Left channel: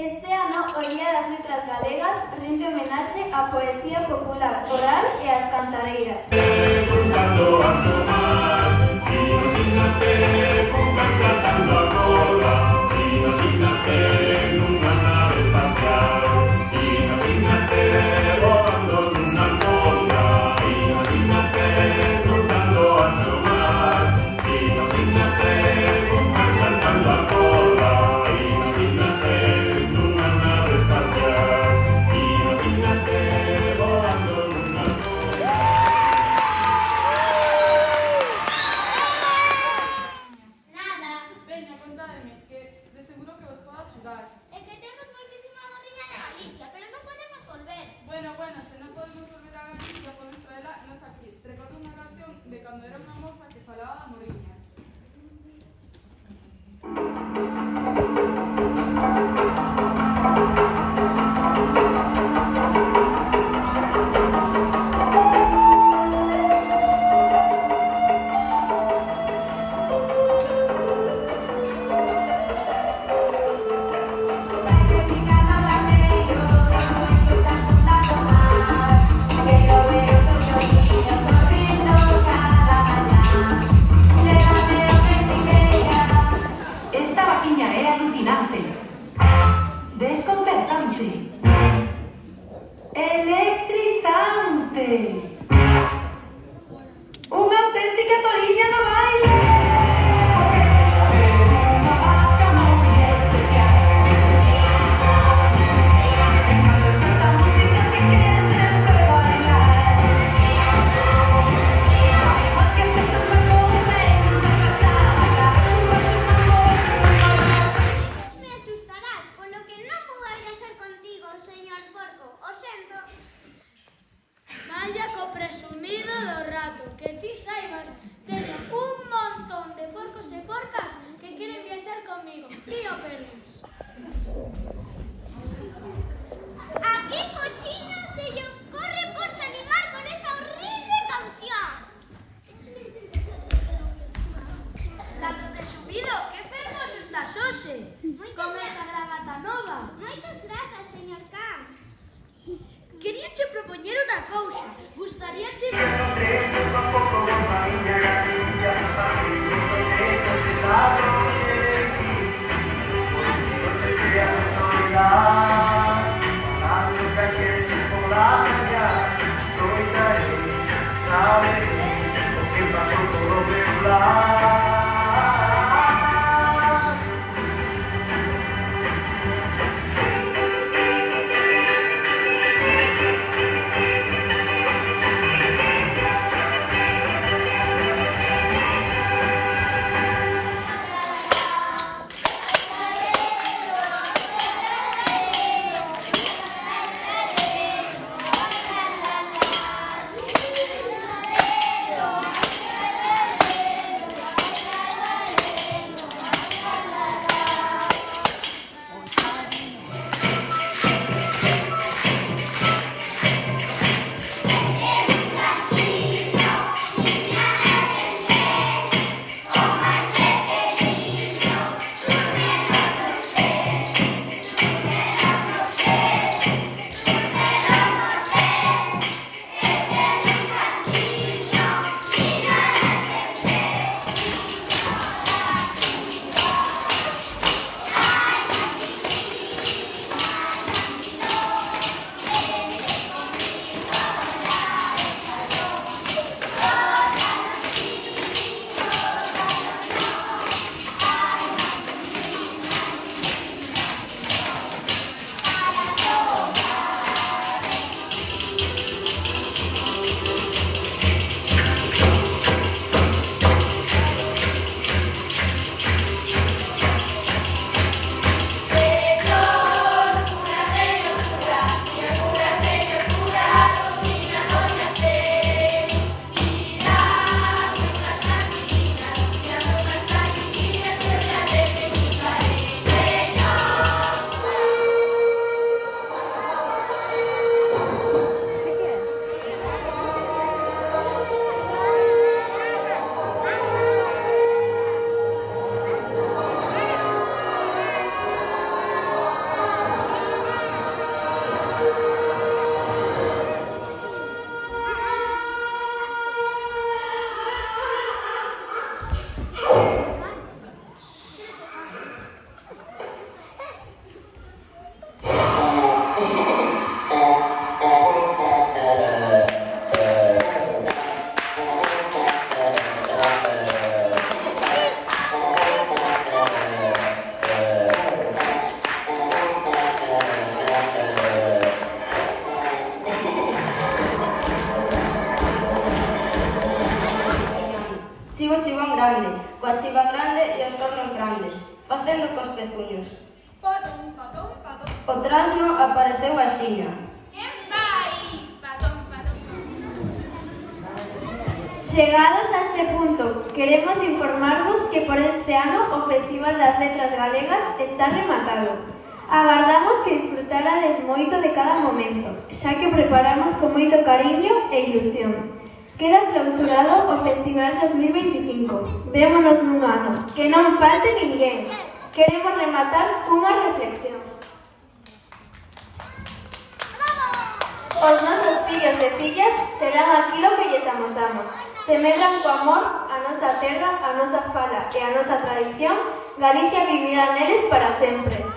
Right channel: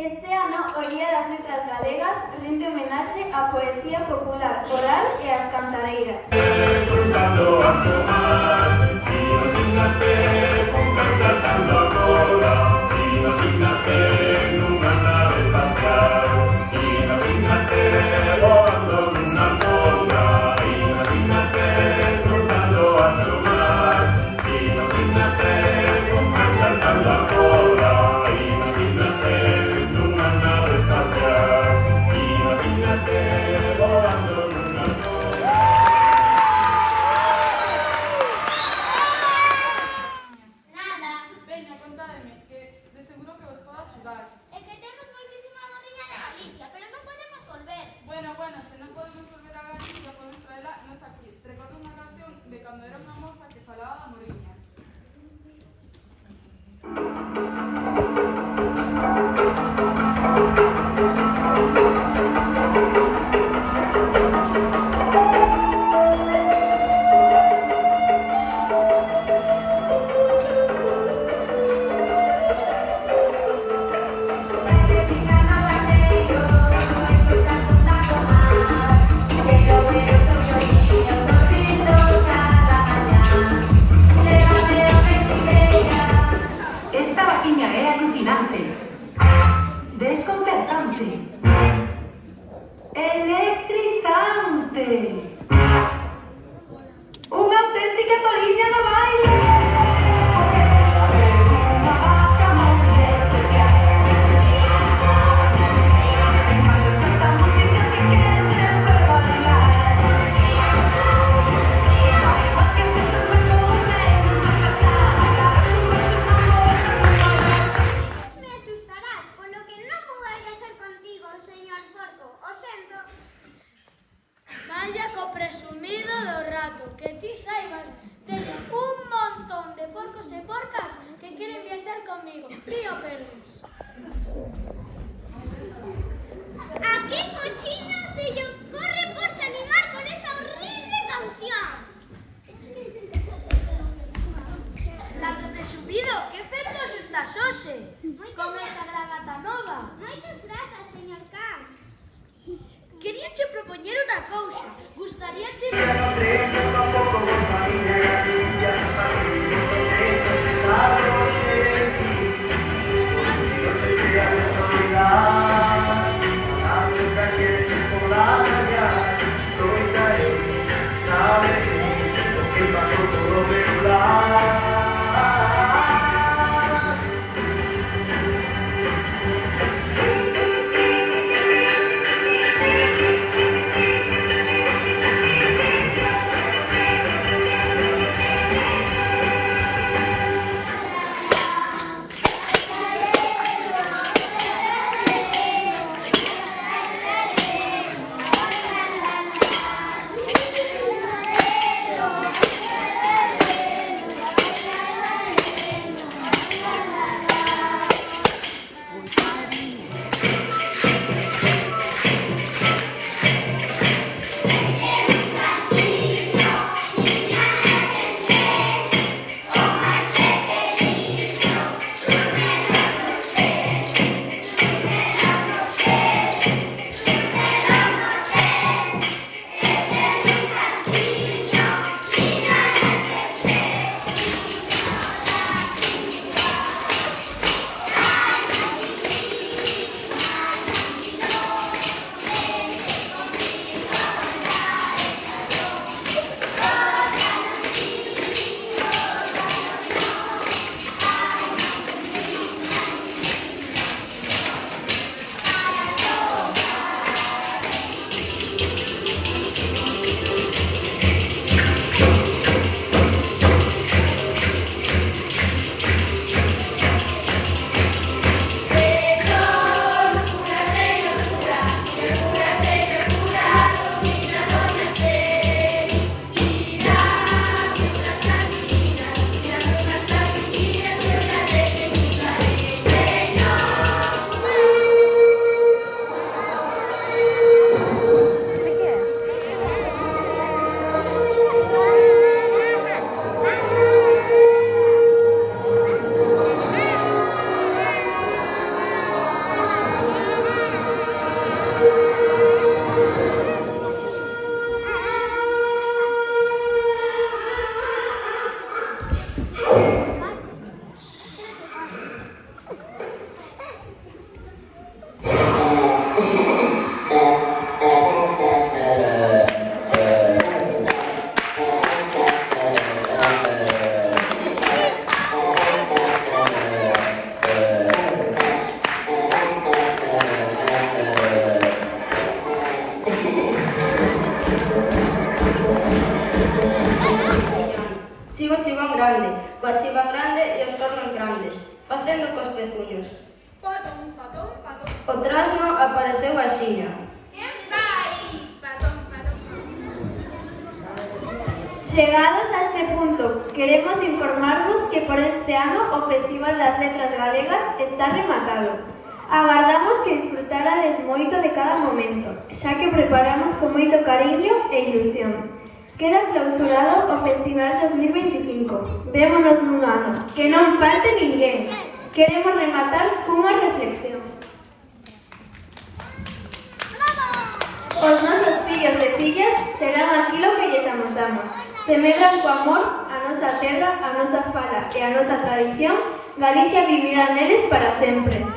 Este ano o Día das Letras Galegas rinde homenaxe á poesía popular oral e ás cantareiras. Bueno, se non podemos volver a Galicia, podemos traela nos aquí. Recordo unha canción de cando era unha moza que falaba da moriña. Esta vaquiña é alucinante, desconcertante, electrizante, unha auténtica toliña do baile. Vaya co presumido do rato, que ti saibas, teño un montón de porcos e porcas que queren viaxar conmigo. Ti o perdes. ¿A qué cochino se le ocurre pues animar con esa horrible canción? Lato presumido, que fermoso estás hoxe, con esa gravata nova. Moitas grazas, señor Can. Queríache propoñer unha cousa. Gustaríache... Chivo chivón grande, coa chiva grande e os tornos grandes, facendo cos pezuños. Patón, patón, patón. O trasno apareceu axiña. Quen vai? Patón, patón. Chegados a este punto, queremos informarvos que por este ano o Festival das Letras Galegas está rematado. Agardamos que disfrutarades moito de cada momento, xa que preparamos con moito cariño e ilusión. Queda clausurado o Festival 2025. Vémonos nun ano. Que non falte ninguén. Queremos rematar cunha reflexión. Os nosos fillos e fillas serán aquilo que lles amosamos. Se medran co amor a nosa terra, a nosa fala e a nosa tradición, Galicia vivirá neles para sempre.